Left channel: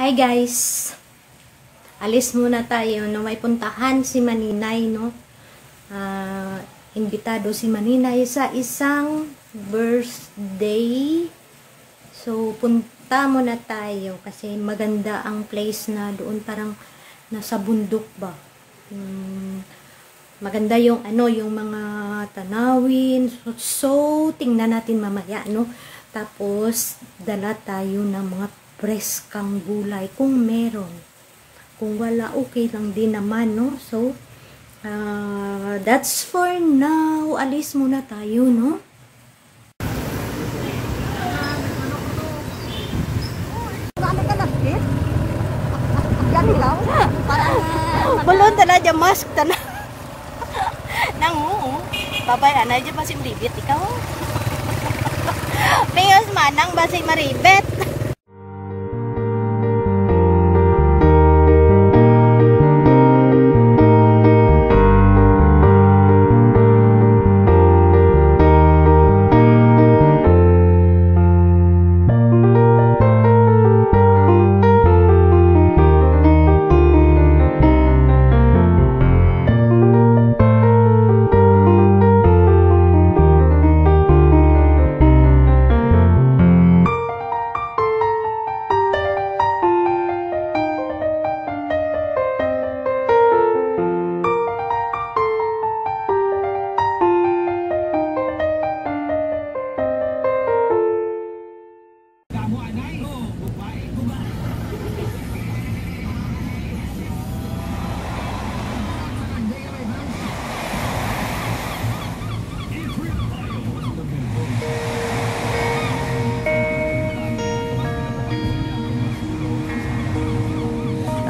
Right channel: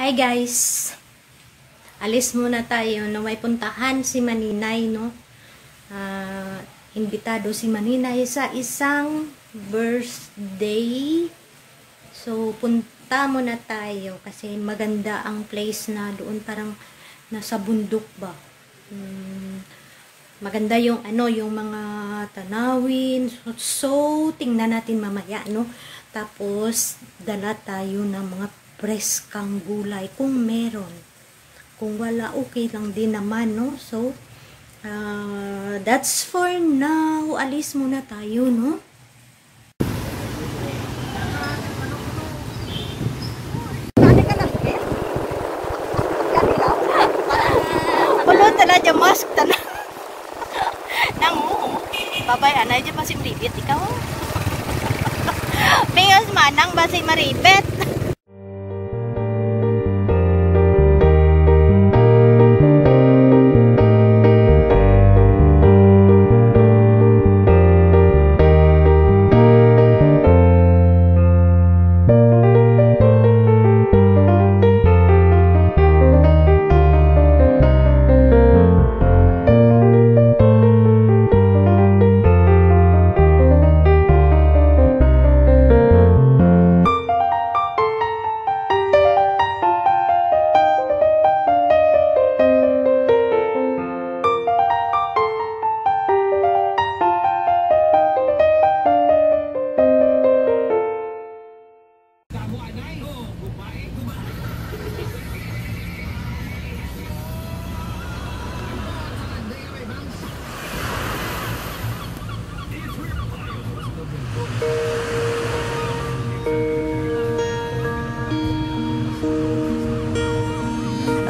Hi guys! Alis muna tayo, no? May puntahan si Maninay, no? Imbitado si Maninay sa isang birthday. So, punta muna tayo kasi maganda ang place na doon, parang nasa bundok ba. Maganda yung yung mga tanawin. So tingnan natin mamaya, no? Tapos dala tayo ng mga preskang gulay kung meron. Kung wala, okay lang din naman, no? So that's for now. Alis muna tayo, no? Balon tala dyan, mask tala. Nangu, babay anay dyan masih maribit ikaw. Pingos manang masih maribit.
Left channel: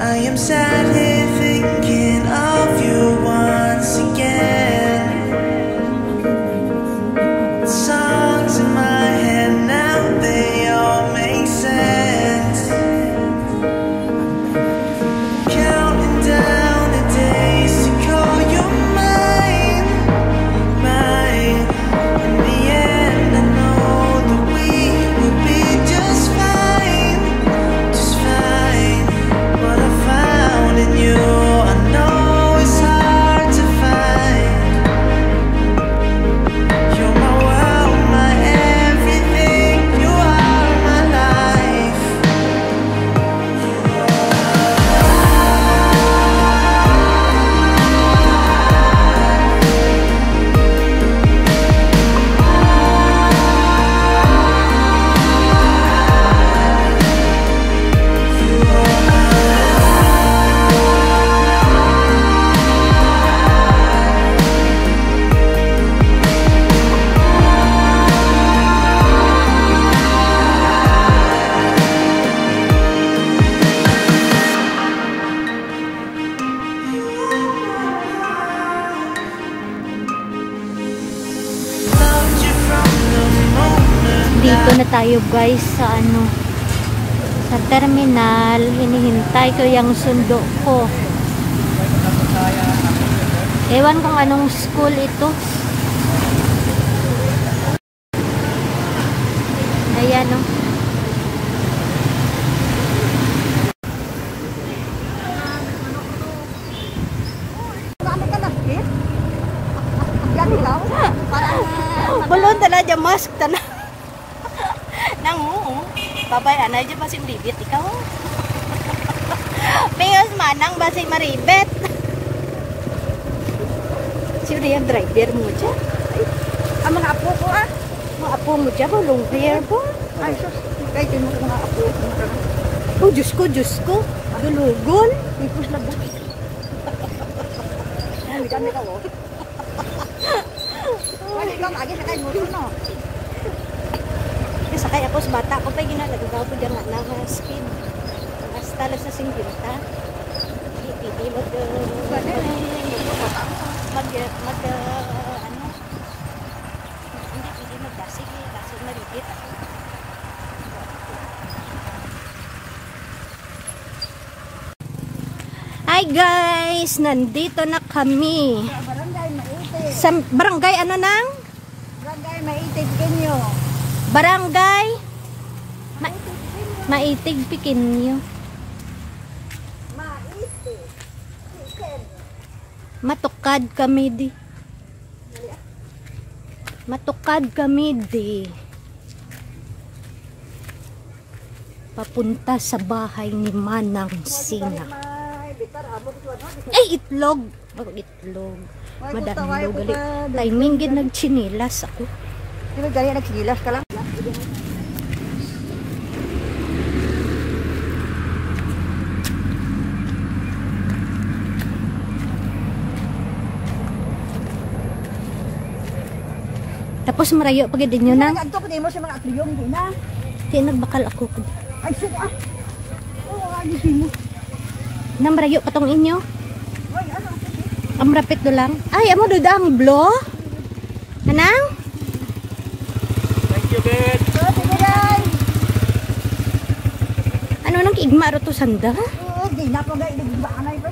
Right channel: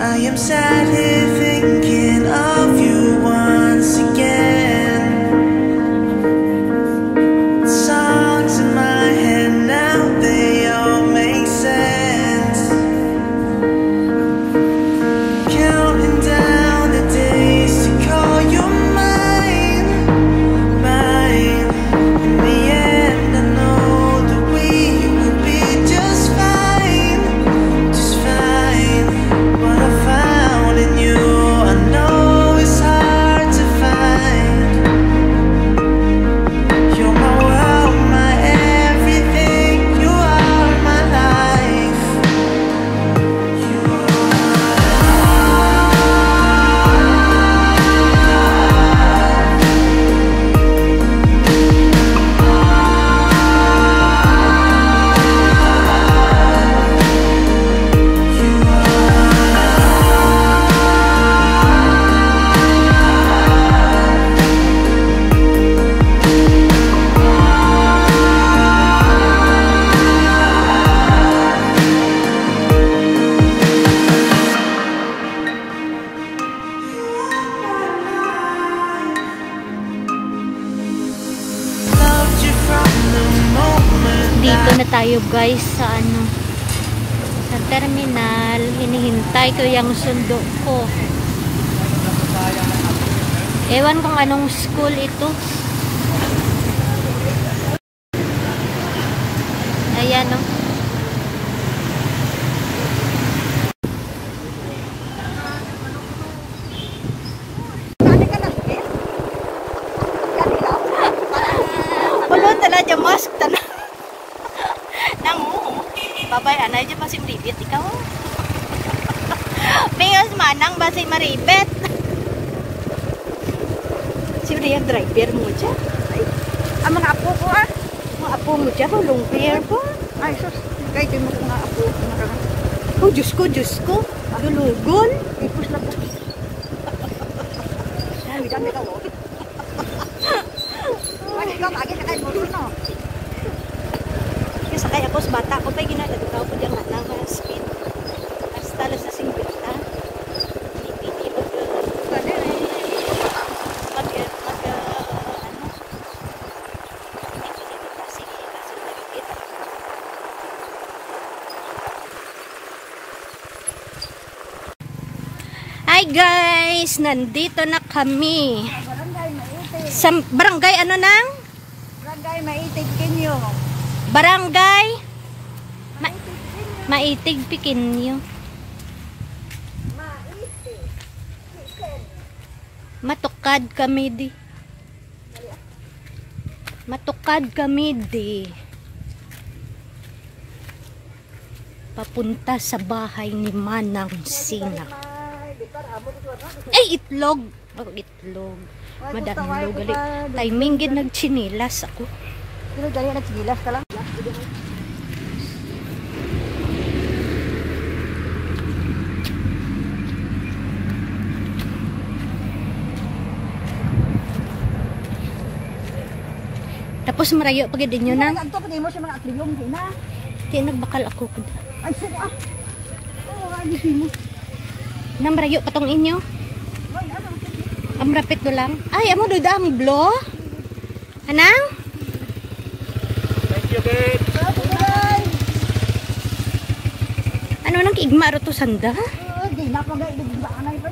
I am sat here thinking of you once again. Songs in my head now, they all make sense. Counting down the days to call you mine, mine. In the end, I know that we will be just fine, just fine. What I found in you, I know it's hard to find. You're my world, my everything. You are my life. You are loved you from the moment Dito na tayo guys sa sa terminal. Hinihintay ko yung sundo ko. Ewan kung anong school ito. Ayan, no? Balon tala dyan, mask tala. Nangu, babay anay dyan masih maribit ikaw. Pingos manang masih maribit. Sino yung driver mo dyan? Ang mga apo ko Mga apo mo dyan, long hair po. Ay, sus. Kaya kayo mga apo. Oh, Diyos ko. Dulugol. Ikos na bukas. Ay, gano ka mo? Ay, gano, agad na kayo mo no? Yung sakay ako sa bata ko pa ginalagaw ko dyan nga lang speed. Hasta lang sa 50. Ipiti Hi guys! Nandito na kami. Barangay Maitig. Sa barangay ano nang? Barangay Maitig Kinyo. Barangay Maitig Pikinyo. Matukad kami di. Matukad kami di. Papunta sa bahay ni Manang Sina. Ay, itlog. Oh, itlog. Madaming log. Timing gid nagchinilas ako. Pero dali nagsigilas ka lang. Tapos marayo pag din nyo nang. Anto pa mo sa mga atliyong din na. Kaya nagbakal ako. Ay suka. Oh, ay di mo. Nang marayo patong inyo. Ay ano? Am rapit do lang. Ay, amo do ang blo. Anang? Thank you, babe. Ano nang kiigma ro to sanda? Di na ko gay di ba anay bro.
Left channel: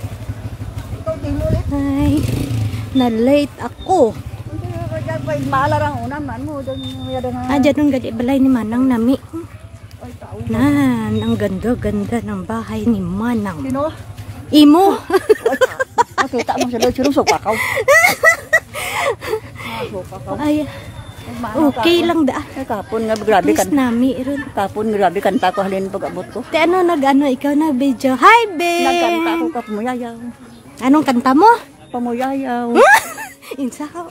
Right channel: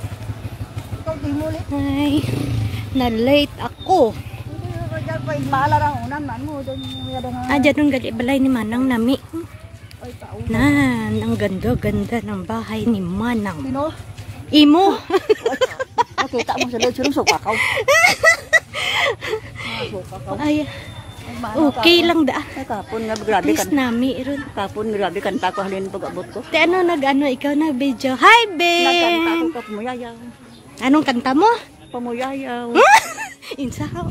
Ikaw di mo ulit. Ay, na late ako. Malarang unam nan mo don yada nga. Adya nung gali balay ni Manang nami. Ay tao. Nan, ang ganda-ganda ng bahay ni Manang. Sino? Imo. Nakita mo sa lechon so kakaw. So kakaw. Ay, okay lang da. Tapon nga grabe kan. Please nami ron. Tapon grabe kan pa ko halin pag-abot ko. Te ano nag-ano ikaw na video. Hi, Nagkanta Ben. ko ka pamuyayaw. Anong kanta mo? Pamuyayaw. Insa ko.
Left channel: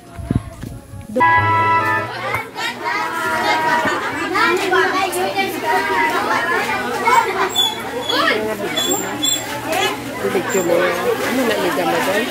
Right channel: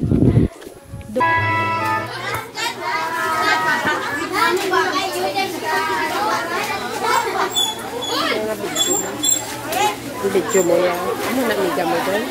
Video mo yan. Ano na ligan-ligan?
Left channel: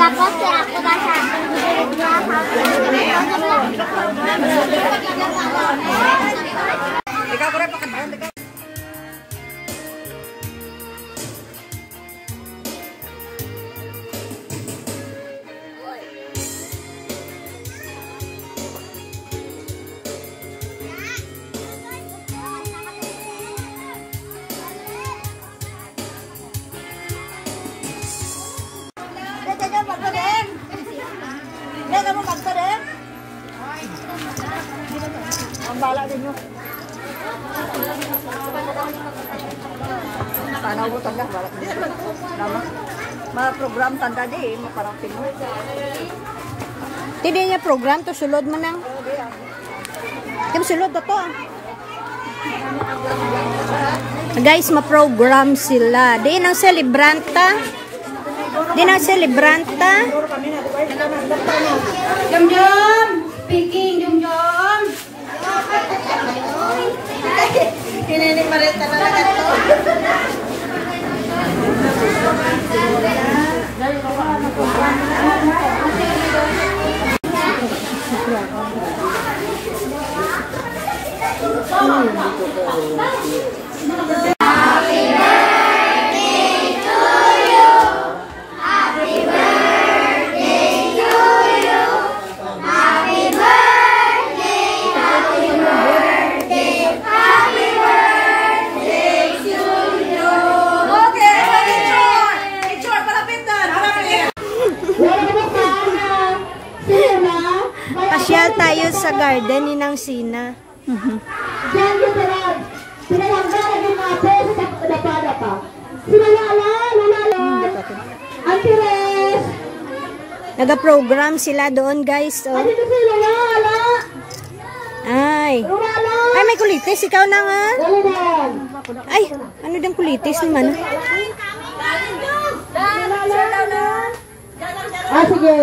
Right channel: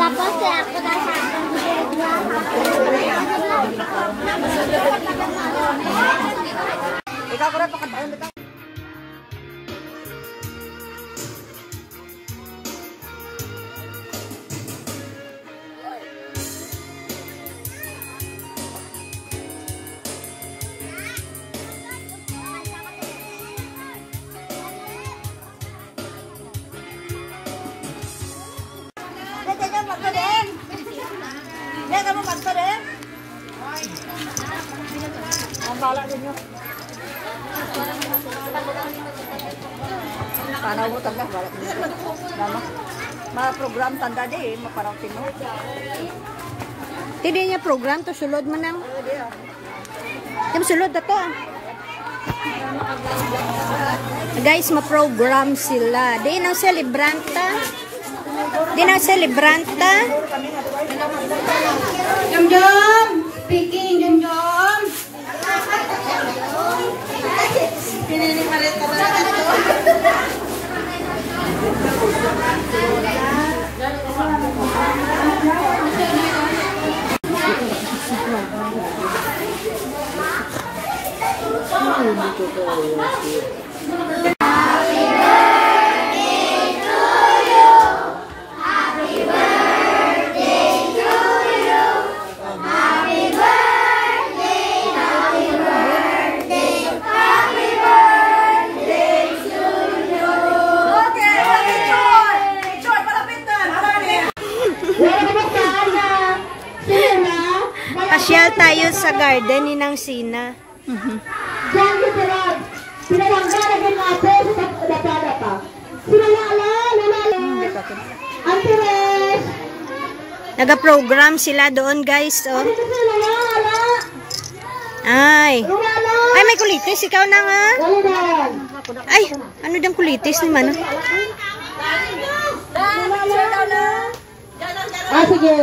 Tapos ako na sa akin, direct niya sa akin. Ikaw ko rin pakatayon. Kamu magpa din? Ang bala din nyo. Panaw mo tanda, bala din nyo. Lama. Mga program tanda di, maparating mo. Hindi niya program to sulod man nang. Kim sulod na to. Guys, ma-program sila. Di nang celebranta. Di nang celebranta. Jom-jom! Speaking, jom-jom! Pinini pa rin talaga ito. Pasyal tayo sa garden ni Nang Sina. Naga-program sila doon, guys. Oh. Ay. Ay, may kulitis. Ikaw na nga. Ay, ano dang kulitis ni Mana? Ah, sige.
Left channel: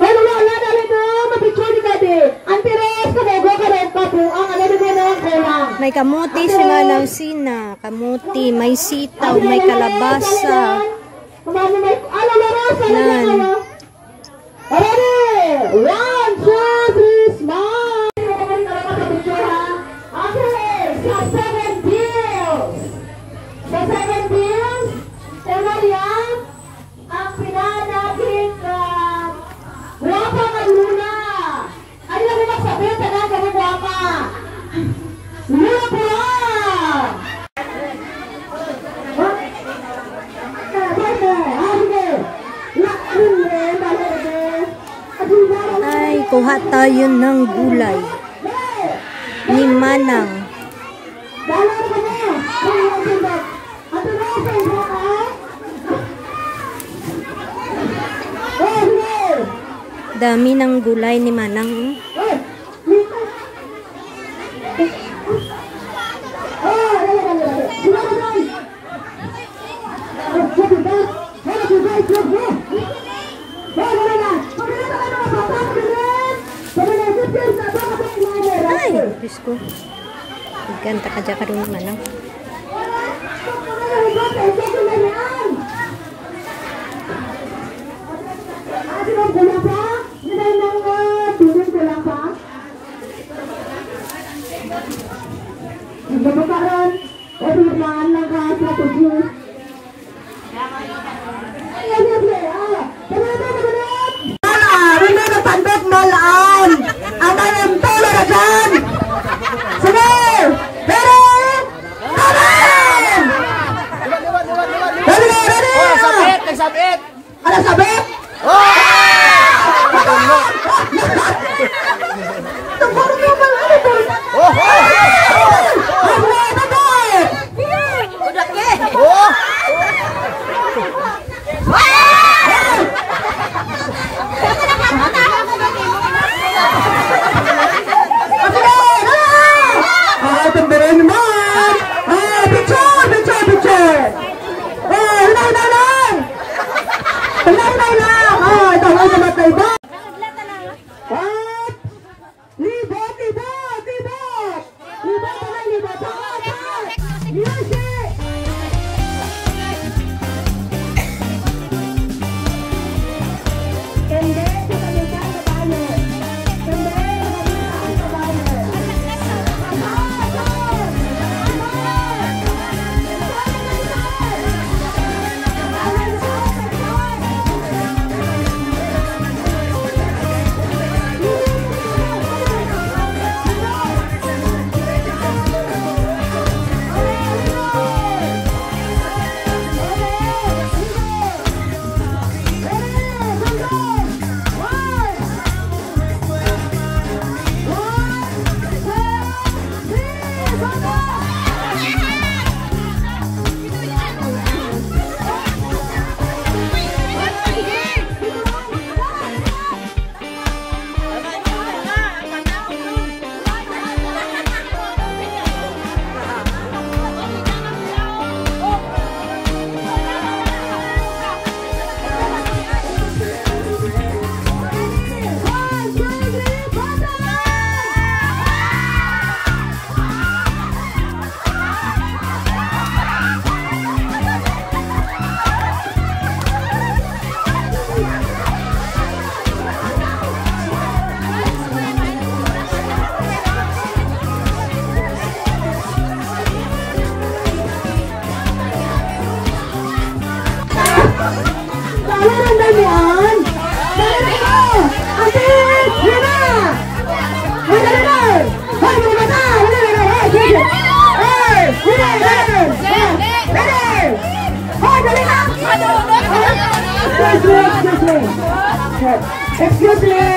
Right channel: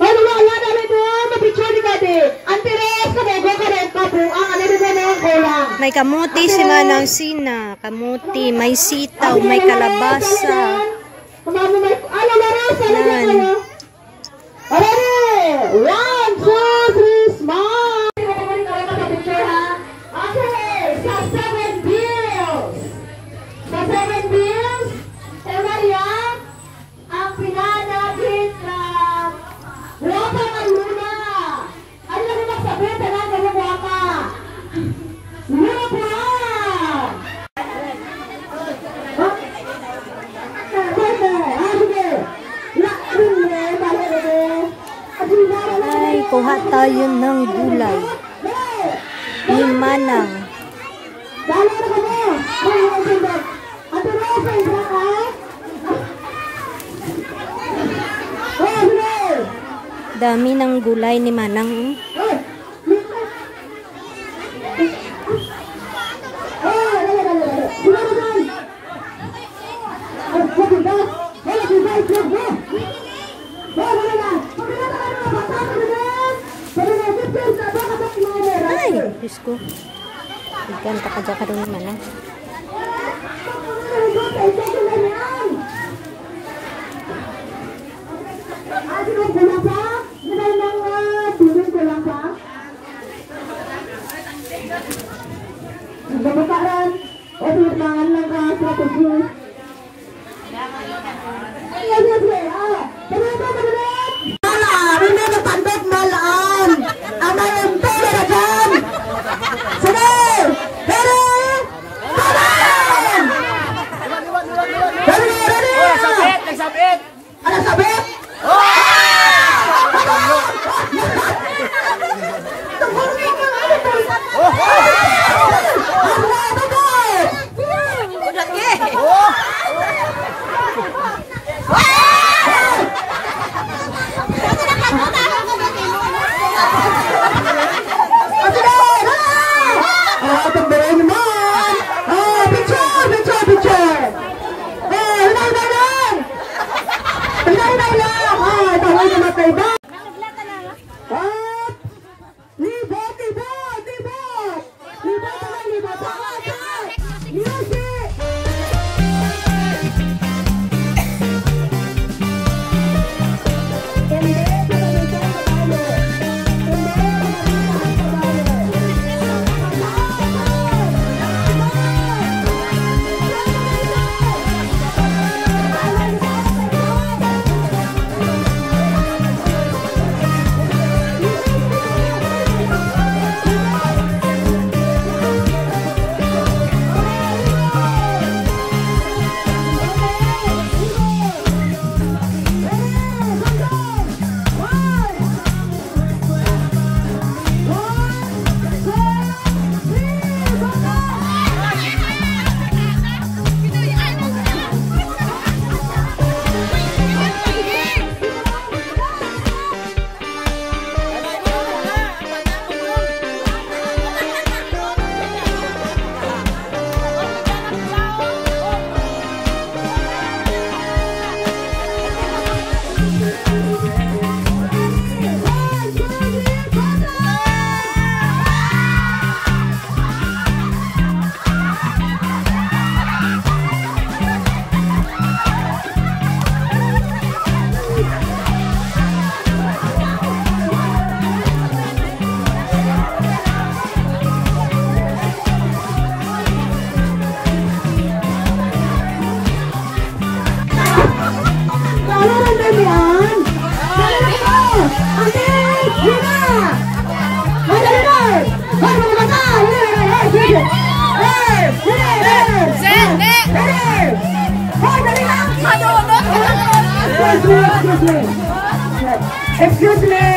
Ay, wala dali mo. Mapicture ni Kade. Antires, kabogo ka rin ka po. Ang ano din mo ang kulang. May kamuti si Manang Sina. Kamuti, may sitaw, may kalabasa. Kumama may... Ano, larasa? Ano Nan. kayo? Alere! 1, 2, 3, smile! Okay, kuha tayo ng gulay ni Manang. Dami ng gulay ni Manang. Ay, Diyos ko. Ganta ka dyan ka rin ni Manang. Excuse me.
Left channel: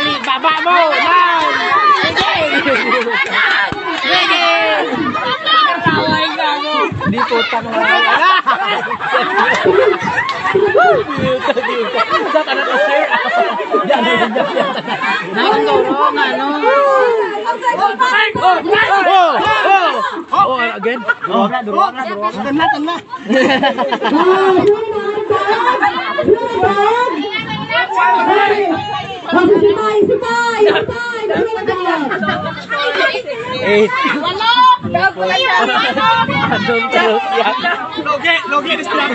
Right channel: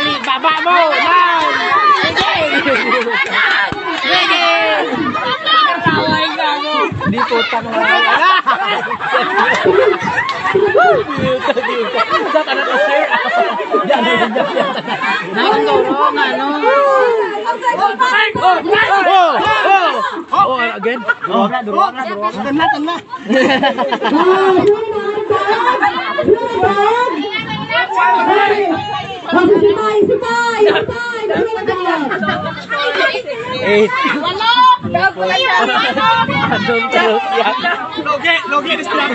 Ali baba mo di putang again. Logi di sebelah.